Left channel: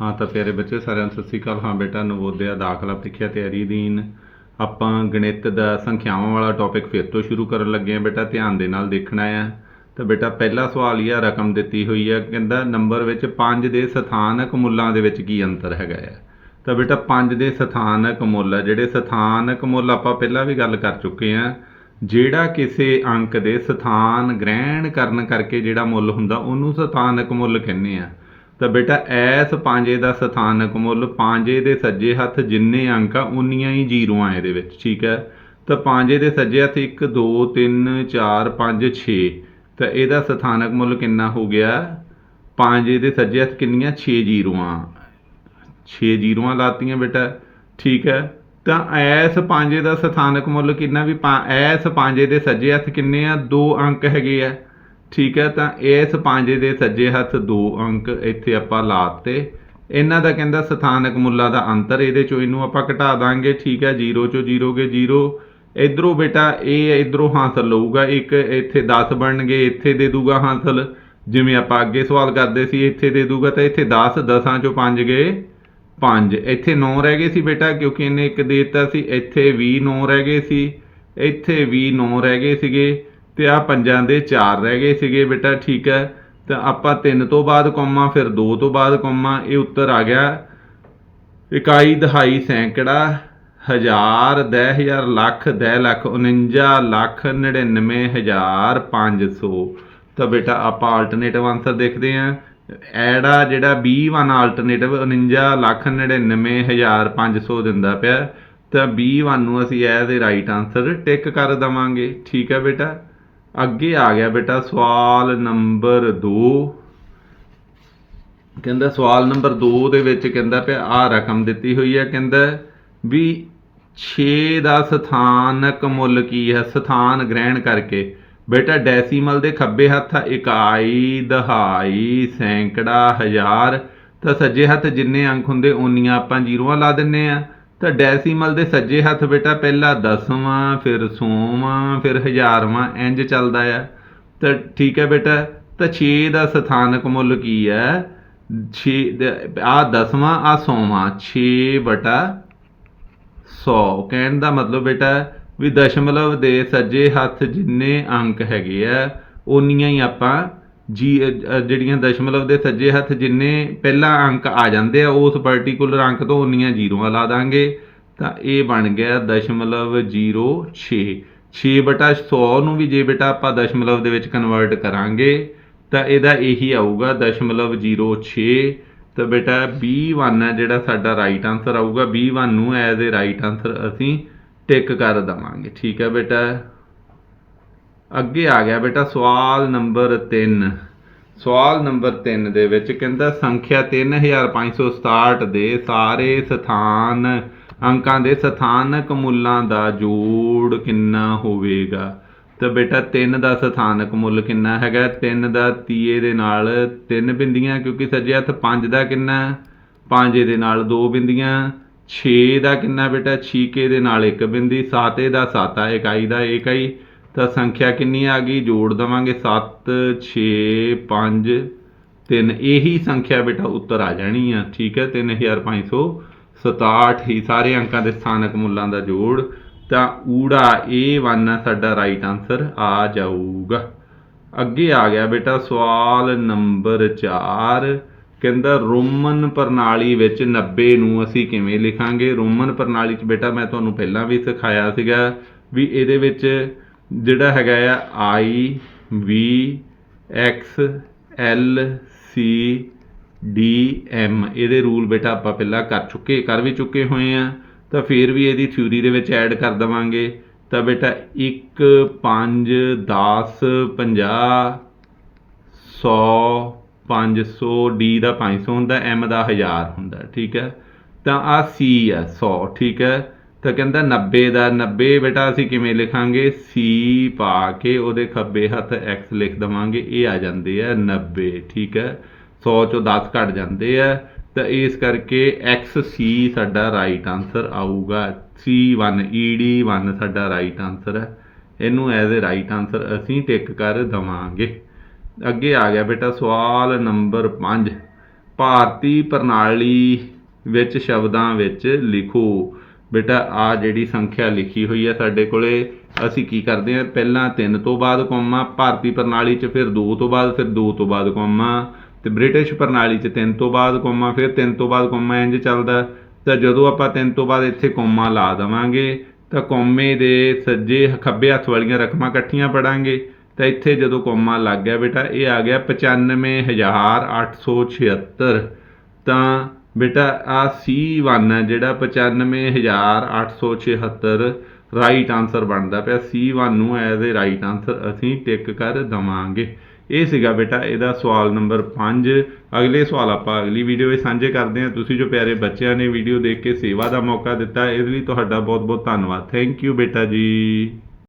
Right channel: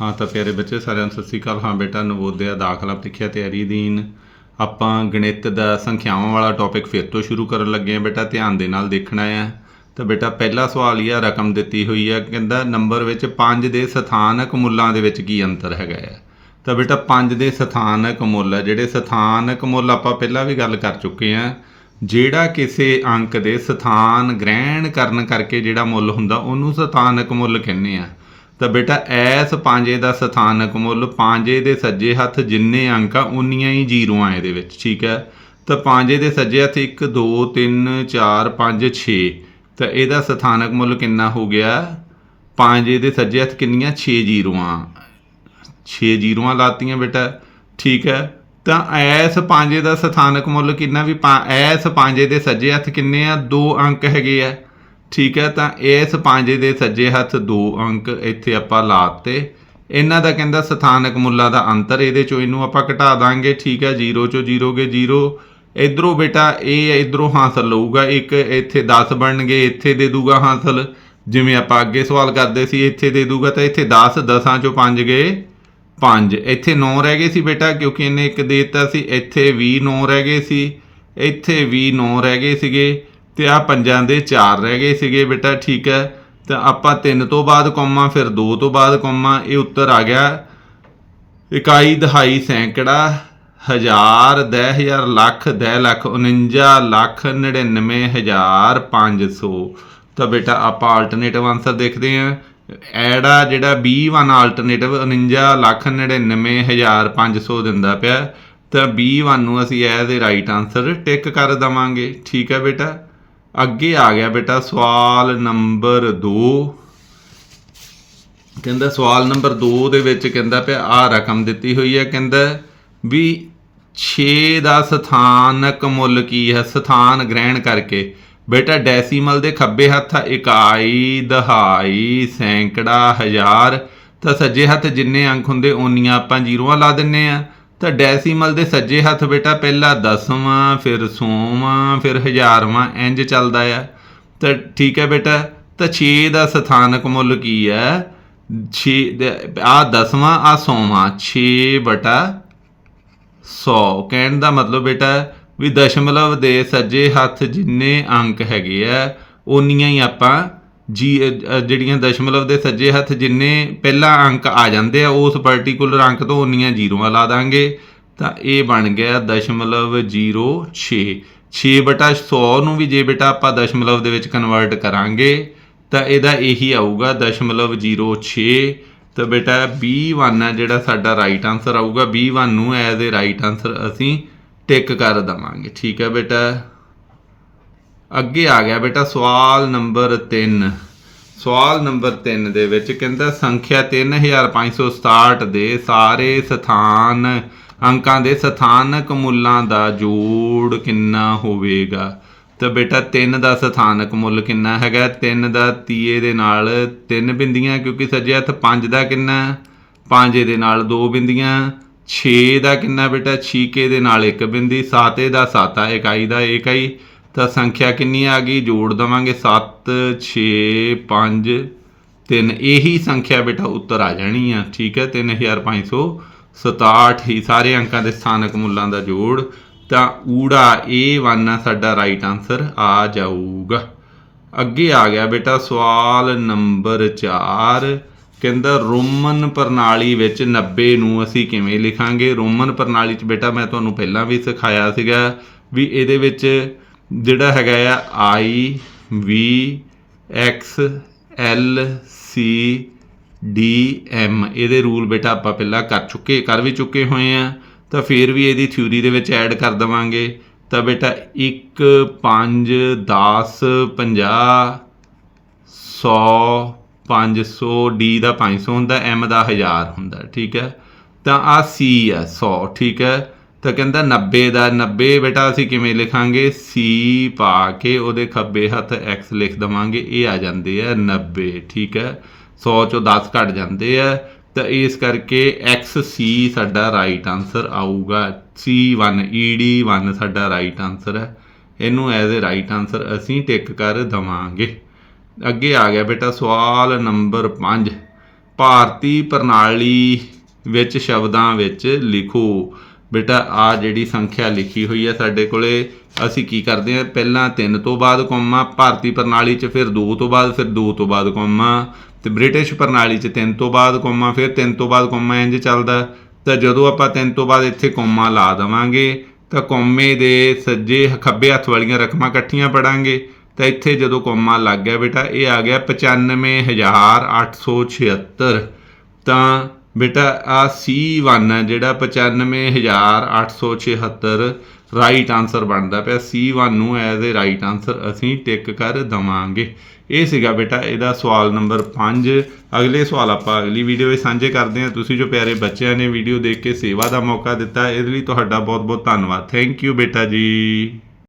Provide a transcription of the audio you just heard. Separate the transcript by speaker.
Speaker 1: ਹਾਂ ਤਾਂ ਪਿਆਰੇ ਬੱਚੇ, ਸਾਰਿਆਂ ਨੂੰ ਸਤਿ ਸ੍ਰੀ ਅਕਾਲ। ਹਾਂ ਬੇਟਾ, ਨਵੋਦਿਆ ਦਾਖਲਾ ਪ੍ਰੀਖਿਆ ਤਿਆਰੀ ਅਧੀਨ ਆਪਾਂ ਗਣਿਤ ਦਾ ਸੰਖਿਆਵਾਂ ਵਾਲਾ ਟੌਪਿਕ ਫਿਰ ਤੋਂ ਸ਼ੁਰੂ ਕਰਨ ਲੱਗੇ ਹਾਂ ਬੇਟਾ, ਧਿਆਨ ਦੇ ਨਾਲ ਦੇਖਣਾ ਆ। ਤਾਂ ਬੇਟਾ, ਪਹਿਲਾ ਸਵਾਲ ਇਹ ਆ, ਰਕਮ ਦਿੱਤੀ ਹੋਈ ਆ, ਕਹਿੰਦਾ ਨੰਬਰ ਵਿੱਚ 5 ਦੇ ਸਥਾਨਕ ਮੁੱਲਾਂ ਦੇ ਵਿੱਚ ਕੀ ਅੰਤਰ ਹੈਗਾ ਆ? ਤਾਂ ਬੇਟਾ 5 ਦੇ ਸਥਾਨਕ ਮੁੱਲ ਜਿਹੜੇ ਸਥਾਨਕ ਮੁੱਲ ਆਪਾਂ ਪਹਿਲਾਂ ਵੀ ਗੱਲ ਕਰ ਚੁੱਕੇ ਆ ਜਿਹੜਾ ਕਿਸੇ ਅੰਕ ਦੇ ਸਥਾਨ ਗ੍ਰਹਿਣ ਕਰਨ ਕਰਕੇ ਜਿਹੜਾ ਮੁੱਲ ਹੁੰਦਾ, ਉਹਨੂੰ ਸਥਾਨਕ ਮੁੱਲ ਕਹਿੰਦੇ ਆ। ਤਾਂ ਬੇਟਾ, ਐਸ ਪਾਂਜੇ ਦਾ ਸਥਾਨਕ ਮੁੱਲ, ਪਾਂਜੇ ਦੇ ਸੱਜੇ ਹੱਥ ਜਿੰਨੇ ਅੰਕ ਆ, ਉਨੀਆਂ ਹੀ ਜ਼ੀਰੋਆਂ ਇਹਦੇ ਵਿੱਚ, ਠੀਕ ਹੈ? ਤਾਂ ਪਾਂਜੇ ਦੇ ਸੱਜੇ ਹੱਥ 1 2 3 4 5 6 ਤਾਂ ਇਹਦਾ ਸਥਾਨਕ ਮੁੱਲ ਕਿੰਨਾ ਹੋ ਗਿਆ? ਪਾਂਜੇ ਦੇ ਸੱਜੇ ਹੱਥ ਕਿੰਨੀਆਂ? 6 ਜ਼ੀਰੋਆਂ। 6 ਜ਼ੀਰੋਆਂ ਲਾਤੀਆਂ ਬੇਟਾ, ਠੀਕ ਹੈ? ਤਾਂ ਐਸ ਪਾਂਜੇ ਦਾ ਸਥਾਨਕ ਮੁੱਲ ਕਿੰਨਾ ਵੀ, ਪਾ- ਐਸ ਪਾਂਜੇ ਦੇ ਸੱਜੇ ਹੱਥ ਕਿੰਨੇ ਆ? ਦੋ ਅੰਕ ਹੈਗੇ ਆ। ਠੀਕ ਹੈ, ਤਾਂ ਇਸ ਪਾਂਜੇ ਦੇ ਸੱਜੇ ਹੱਥ ਦੋ ਅੰਕ ਇੱਥੇ ਆਪਾਂ ਲਾਤੇ। ਇਹਨਾਂ ਦਾ ਕਹਿੰਦਾ ਸਥਾਨਕ ਮੁੱਲਾਂ ਦਾ ਅੰਤਰ, ਇਹਦੇ ਚੋਂ ਇਹਨੂੰ ਆਪਾਂ ਘਟਾ ਦਾਂਗੇ, ਠੀਕ ਹੈ 0 ਚੋਂ 0 ਗਏ 0 ਇਧਰੋਂ ਬੇਟਾ ਇਹ ਇਧਰੋਂ ਹਾਸਲ ਲਊਗਾ, ਇੱਕ ਇੱਥੇ 10 ਬਣਨਗੇ, ਇੱਥੇ ਦੇ ਦੂਗਾ ਹਾਸਲ। ਜਿਵੇਂ ਆਪਾਂ ਅੱਗੇ ਸਵਾਲ ਕਰਦੇ ਸੀ, ਇੱਥੇ ਦੇ ਦੂਗਾ, ਤਾਂ ਇੱਥੇ 10 ਦਸਾਂ ਚੋਂ 5 ਗਏ 5 ਇੱਥੇ 9 ਰਹਿ ਗਏ ਸੀ ਬੇਟਾ, ਕਿਉਂਕਿ ਇਹਨੇ ਇੱਕ ਦੇ ਦਿੱਤਾ ਸੀ। ਇੱਥੇ ਵੀ 9 ਰਹਿ ਗਏ ਸੀ। ਇੱਥੇ ਵੀ 9 ਰਹਿ ਗਏ ਸੀਗੇ। ਤੇ ਆ ਪੰਜਾਂ ਦੇ 4 ਰਹਿ ਗਏ ਸੀਗੇ ਬੇਟਾ, ਠੀਕ ਹੈ। ਤਾਂ ਆਪਾਂ 3 ਤੋਂ ਬਾਅਦ ਕੋਮਾ, ਫਿਰ 2 ਤੋਂ ਬਾਅਦ ਕੋਮਾ। ਇਹ ਉੱਤਰ ਆ ਗਿਆ, ਇਕਾਈ ਦਹਾਈ ਸੈਂਕੜਾ, ਹਜ਼ਾਰ ਦਹ ਹਜ਼ਾਰ ਲੱਖ, ਦਹ ਲੱਖ 49 ਲੱਖ 99 ਹਜ਼ਾਰ 500 ਤਾਂ ਬੇਟਾ, ਆਪਾਂ ਆਲਟਰਨੇਟਿਵ ਆਨਸਰ ਦੇਖਦੇ ਆਂ ਐੜਾ ਜਿਹੜਾ 20 ਆਲਟਰਨੇਟਿਵ 49 ਲੱਖ 99 ਹਜ਼ਾਰ 500 ਦਿੰਦਾ ਪਿਆ। ਤਾਂ 21 ਨੂੰ ਅਸੀਂ as a right answer tick ਕਰ ਦਵਾਂਗੇ। ਠੀਕ ਹੈ ਬੇਟਾ। ਅੱਗੇ ਆ ਗਿਆ ਬੇਟਾ ਸਵਾਲ ਨੰਬਰ 2 ਕਹਿੰਦਾ ਸਵਾਲ ਨੰਬਰ 2 ਦੇ ਵਿੱਚ ਕਹਿੰਦਾ ਪਿਆ ਆ ਰਕਮ ਦਿੱਤੀ ਹੋਈ ਹੈ। ਕਹਿੰਦਾ ਵੀ 6 ਦਾ ਸਥਾਨਕ ਮੁੱਲ ਕੀ ਹੈ? ਸਥਾਨ ਗ੍ਰਹਿਣ ਕਰਕੇ। ਬੇਟਾ ਡੈਸੀਮਲ ਦੇ ਖੱਬੇ ਹੱਥ ਆ, ਇਕਾਈ, ਦਹਾਈ, ਸੈਂਕੜਾ, ਹਜ਼ਾਰ। ਤਾਂ ਸੱਜੇ ਹੱਥ ਜਿੰਨੇ ਅੰਕ ਹੁੰਦੇ, ਓਨੀਆਂ ਆਪਾਂ ਜ਼ੀਰੋਆਂ ਲਾ ਦਿੰਨੇ ਆ। ਤਾਂ ਡੈਸੀਮਲ ਦੇ ਸੱਜੇ ਹੱਥ ਬੇਟਾ, ਪਹਿਲਾ ਦਸਵਾਂ, ਫਿਰ ਸੋਵਾਂ, ਫਿਰ ਹਜ਼ਾਰਵਾਂ ਇੰਜ ਚੱਲਦਾ ਆ। ਤਾਂ ਠੀਕ ਹੈ ਬੇਟਾ, ਤਾਂ 6 ਦਾ ਸਥਾਨਕ ਮੁੱਲ ਕੀ ਹੈ? 6 ਆ ਦਸਵਾਂ, ਆ ਸੌਵਾਂ 6 ਬਟਾ 100 ਕਹਿਣ ਦਾ ਮਤਲਬ ਬੇਟਾ, ਵੀ ਦਸ਼ਮਲਵ ਦੇ ਸੱਜੇ ਹੱਥ ਜਿੰਨੇ ਅੰਕ ਹੈਗੇ ਆ ਉਨੀਆਂ ਹੀ ਆਪਾਂ ਜੀ ਜਿਹੜੀਆਂ ਦਸ਼ਮਲਵ ਦੇ ਸੱਜੇ ਹੱਥ ਜਿੰਨੇ ਪਹਿਲਾ ਅੰਕ ਆ ਜਾਂਦੇ ਆ, ਉਸ ਪਾਰਟਿਕੂਲਰ ਅੰਕ ਤੋਂ ਉਨੀਆਂ ਜ਼ੀਰੋਆਂ ਲਾ ਦਾਂਗੇ। ਤਾਂ ਇਹ ਬਣ ਗਿਆ ਦਸ਼ਮਲਵ 06 6 ਬਟਾ 100 ਨੂੰ ਵੀ ਜੇ ਬੇਟਾ ਆਪਾਂ ਦਸ਼ਮਲਵ ਦੇ ਵਿੱਚ ਕਨਵਰਟ ਕਰਾਂਗੇ, ਤਾਂ ਇਹਦਾ ਇਹੀ ਆਊਗਾ ਦਸ਼ਮਲਵ 06 ਤਾਂ ਬੇਟਾ B1 ਹੈ ਜਿਹੜਾ ਸਾਡਾ ਰਾਈਟ ਆਨਸਰ ਆਊਗਾ। B1 ਨੂੰ ਐਜ਼ ਅ ਰਾਈਟ ਆਨਸਰ ਅਸੀਂ ਟਿਕ ਕਰ ਦਵਾਂਗੇ। ਠੀਕ ਹੈ ਬੇਟਾ? ਅੱਗੇ ਆ ਗਿਆ ਬੇਟਾ ਸਵਾਲ ਨੰਬਰ 3 ਸਵਾਲ ਨੰਬਰ 3 ਦੇ ਵਿੱਚ ਕਹਿੰਦਾ, ਸੰਖਿਆ 3567 ਦੇ ਸਾਰੇ ਸਥਾਨ, ਅੰਕਾਂ ਦੇ ਸਥਾਨਕ ਮੁੱਲਾਂ ਦਾ ਜੋੜ ਕਿੰਨਾ ਹੋਵੇਗਾ? ਤਾਂ ਬੇਟਾ 3 ਦਾ ਸਥਾਨਕ ਮੁੱਲ ਕਿੰਨਾ ਹੈਗਾ? 3 ਦਾ ਤੀਏ ਦੇ ਨਾਲ 3 ਬਿੰਦੀਆਂ, ਕਿਉਂਕਿ ਸੱਜੇ ਹੱਥ 5 ਦਾ ਕਿੰਨਾ? 5 ਦੇ ਨਾਲ 2 ਬਿੰਦੀਆਂ। 6 ਦਾ ਕਿੰਨਾ ਬੇਟਾ? 6 ਦੇ ਨਾਲ 1 ਬਿੰਦੀ। 7 ਦਾ 7 ਇਕਾਈ ਦਾ ਇਕਾਈ ਤਾਂ ਸੰਖਿਆ ਕਿੰਨੀ ਆ ਗਈ? ਜੋੜ ਦਵਾਂਗੇ 7 6 5 3 ਇਹੀ ਸੰਖਿਆ ਬੇਟਾ ਉੱਤਰ ਆ ਜਾਣੀ ਆ, ਠੀਕ ਹੈ? 3567 ਹੀ ਸਾਰੇ ਅੰਕਾਂ ਦੇ ਸਥਾਨਕ ਮੁੱਲਾਂ ਦਾ ਜੋੜ। ਤਾਂ ਊੜਾ A1 ਆ ਸਾਡਾ ਰਾਈਟ ਆਨਸਰ ਆ ਜਾਊਗਾ। ਅੱਗੇ ਆ ਗਿਆ ਬੇਟਾ ਸਵਾਲ ਨੰਬਰ 4 ਕਹਿੰਦਾ ਰੋਮਨ ਪ੍ਰਣਾਲੀ ਵਿੱਚ 90 ਨੂੰ ਅਸੀਂ ਕਿਵੇਂ ਲਿਖਾਂਗੇ? ਰੋਮਨ ਪ੍ਰਣਾਲੀ 'ਚ ਬੇਟਾ ਮੈਂ ਤੁਹਾਨੂੰ ਪਹਿਲਾਂ ਵੀ ਸਿਖਾਇਆ ਸੀਗਾ ਵੀ ਇਹਦੇ ਵਿੱਚ ਜਿਹੜਾ ਹੈਗਾ ਆ I, V, X, L, C, D, M ਇਹਦੇ ਰੂਲ ਬੇਟਾ ਆਪਾਂ ਪਹਿਲਾਂ ਕਰ ਚੁੱਕੇ, ਕਰ ਵੀ ਚੁੱਕੇ ਹੋਏ ਆ। ਤਾਂ ਫਿਰ ਵੀ ਇਹਦੀ ਥਿਊਰੀ ਦੇ ਵਿੱਚ ਐਡ ਕਰ ਦਵਾਂਗੇ। ਤਾਂ ਬੇਟਾ 1 5 10 50 100 500 ਡੀ ਦਾ 500 ਹੁੰਦਾ, M ਦਾ 1000 ਹੁੰਦਾ, ਠੀਕ ਹੈ? ਤਾਂ ਆ ਸੀ ਆ 100 ਠੀਕ ਹੈ? ਤਾਂ ਕਹਿੰਦਾ 90 ਦਾ 90 ਬੇਟਾ ਅਸੀਂ ਕਿਵੇਂ ਲਿਖਾਂਗੇ? C ਪਾ ਕੇ ਉਹਦੇ ਖੱਬੇ ਹੱਥ X ਲਿਖ ਦਵਾਂਗੇ, ਇਹ ਆ ਜਾਂਦੇ ਆ 90 ਠੀਕ ਹੈ? 100 ਚੋਂ 10 ਘਟ ਜਾਂਦੇ ਆ, ਤਾਂ ਇਸ ਕਰਕੇ XC ਸਾਡਾ ਰਾਈਟ ਆਨਸਰ ਆਊਗਾ। C1 ED1 ਸਾਡਾ ਰਾਈਟ ਆਨਸਰ ਹੈ। ਇਹਨੂੰ ਐਜ਼ ਅ ਰਾਈਟ ਆਨਸਰ ਅਸੀਂ ਟਿਕ ਕਰ ਦਵਾਂਗੇ। ਅੱਗੇ ਆ ਗਿਆ ਬੇਟਾ ਸਵਾਲ ਨੰਬਰ 5 ਭਾਰਤੀ ਪ੍ਰਣਾਲੀ ਵਿੱਚ ਸ਼ਬਦਾਂ ਵਿੱਚ ਲਿਖੋ। ਬੇਟਾ, ਆ ਜਿਹੜੀ ਸੰਖਿਆ ਲਿਖੀ ਹੋਈ ਹੈ ਸਾਡੇ ਕੋਲੇ, ਅਸੀਂ ਕੀ ਕਰਦੇ ਹਾਂ? ਪਹਿਲਾਂ 3 ਤੋਂ ਬਾਅਦ ਕੋਮਾ, ਭਾਰਤੀ ਪ੍ਰਣਾਲੀ 'ਚ ਫਿਰ 2 ਤੋਂ ਬਾਅਦ, ਫਿਰ 2 ਤੋਂ ਬਾਅਦ ਕੋਮਾ, ਤੇ ਬ੍ਰਿਟਿਸ਼ ਪ੍ਰਣਾਲੀ 'ਚ 3 ਤੋਂ ਬਾਅਦ ਕੋਮਾ, ਫਿਰ 3 ਤੋਂ ਬਾਅਦ ਕੋਮਾ ਇੰਜ ਚੱਲਦਾ ਤਾਂ ਜਦੋਂ ਆਪਾਂ 3 ਤੋਂ ਬਾਅਦ ਇੱਥੇ ਕੋਮਾ ਲਾ ਦੇਵਾਂਗੇ, ਤਾਂ ਕੋਮੇ ਦੇ ਸੱਜੇ ਖੱਬੇ ਹੱਥ ਵਾਲੀਆਂ ਰਕਮਾਂ ਇਕੱਠੀਆਂ ਪੜਾਂਗੇ। ਤਾਂ ਇੱਥੇ ਜਦੋਂ ਕੋਮਾ ਲੱਗ ਗਿਆ ਬੇਟਾ, ਇਹ ਆ ਗਿਆ 95876 ਤਾਂ ਬੇਟਾ ਆ C1 ਹੈ, ਜਿਹੜਾ 95876 ਰਾਈਟ ਆਨਸਰ ਬਣਦਾ ਪਿਆ। C1 ਨੂੰ ਐਜ਼ ਅ ਰਾਈਟ ਆਨਸਰ ਅਸੀਂ ਟਿਕ ਕਰ ਦਵਾਂਗੇ। ਇਹ ਸੀਗਾ ਬੇਟਾ, ਇਹਦਾ ਸਵਾਲ ਨੰਬਰ 5 ਅਗਲੇ ਸਵਾਲ ਆਪਾਂ ਅਗਲੀ ਵੀਡੀਓ ਵਿੱਚ ਸਾਂਝੇ ਕਰਦੇ ਹਾਂ। ਤੁਸੀਂ ਜੋ ਪਿਆਰੇ ਬੱਚਿਆਂ ਨੇ ਵੀਡੀਓ ਦੇਖ ਕੇ ਸੇਵਾ ਦਾ ਮੌਕਾ ਦਿੱਤਾ, ਇਹਦੇ ਲਈ ਤੁਹਾਡਾ ਬਹੁਤ ਬਹੁਤ ਧੰਨਵਾਦ। ਥੈਂਕ ਯੂ ਬੇਟਾ ਜੀ।